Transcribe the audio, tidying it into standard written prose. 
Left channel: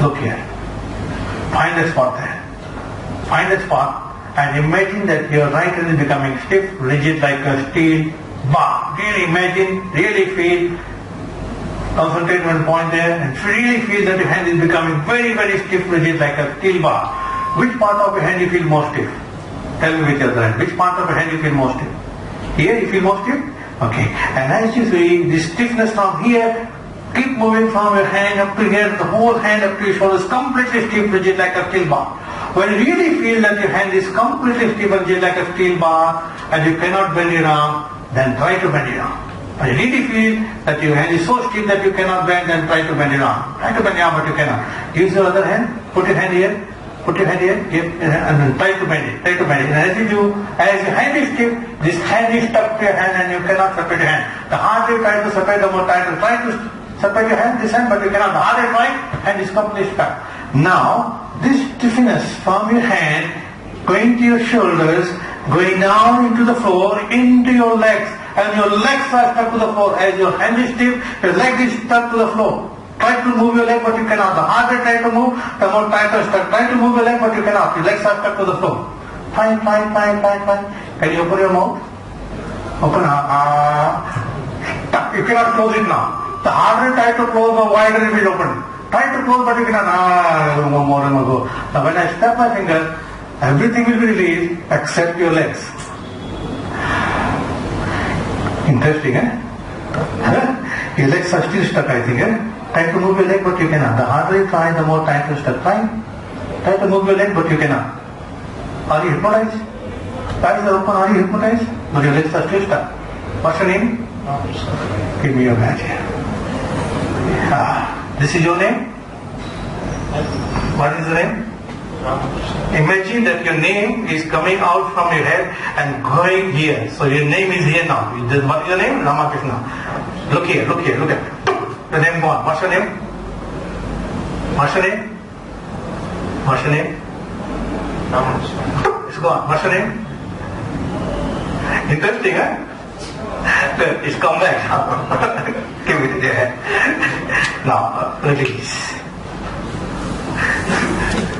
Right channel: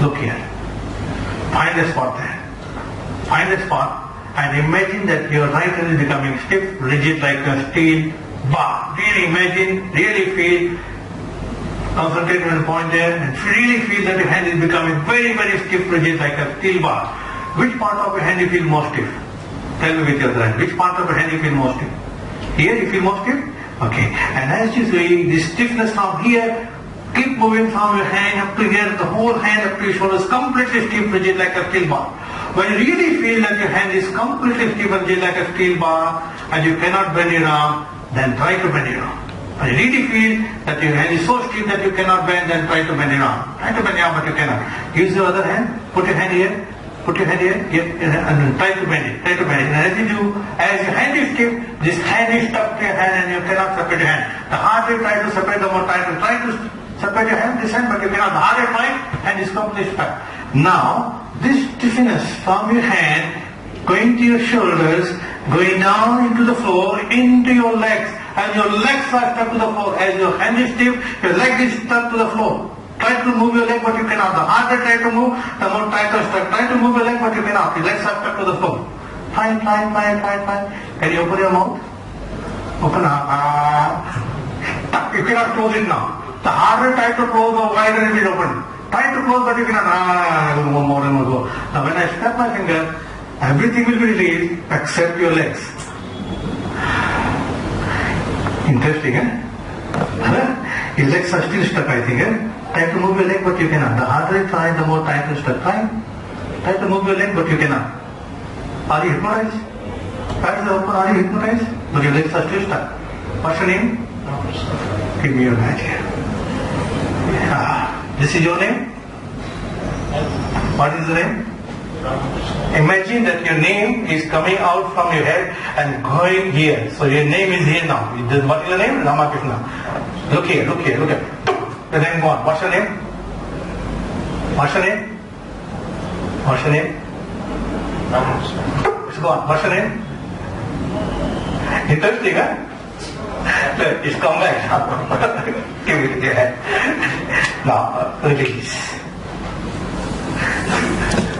Look here. Find a spot there. Find a spot and imagine that your right hand is becoming stiff, rigid like a steel bar. Really imagine, really feel, concentrate on one point there and really feel that your hand is becoming very, very stiff, rigid like a steel bar. Which part of your hand you feel more stiff? Tell me with your hand. Which part of your hand you feel more stiff? Here you feel more stiff? Okay. And as you see, this stiffness from here, keep moving from your hand up to here, the whole hand up to your shoulders, completely stiff, rigid like a steel bar. When you really feel that your hand is completely stiff and rigid like a steel bar and you cannot bend your arm, then try to bend your arm. When you really feel that your hand is so stiff that you cannot bend, then try to bend your arm. Try to bend your arm but you cannot. Use your other hand, put your hand here, put your hand here, and then try to bend it. Try to bend it. And as you do, as your hand is stiff, this hand is stuck to your hand and you cannot separate your hand. The harder you try to separate, the more tighter. Try to separate your hand, this hand, but you cannot. The harder you try, hand is completely stuck. Now, this stiffness from your hand going to your shoulders, going down into the floor, into your legs, and your legs are stuck to the floor. As your hand is stiff, your leg is stuck to the floor. Try to move your leg, but you cannot. The harder you try to move, the more tighter stuck. Try to move your leg, but you cannot. Your legs are stuck to the floor. Try. Can you open your mouth? Open up. You cannot close it now. The harder you try to close, the wider it will open. Try to close, but you cannot. More and more go. Now when I step my finger, everything will be released except your legs. Interesting, eh? Your legs are still stuck, I think, eh? Try to move your leg, but you cannot. The harder you try, the more tight you stuck. Try to move your leg, but you cannot. Are you hypnotized? Eyes are open, are you hypnotized? But your legs are still stuck. What's your name? Give me your hand here. This is your name? What is your name? Imagine that your name is coming out from your head and going here. So your name is here now. What is your name? Ramakrishna. Look here, look at it. Your name gone. What's your name? What's your name? What's your name? It's gone. What's your name? Interesting, huh? It's come back. Give it there. Now, release.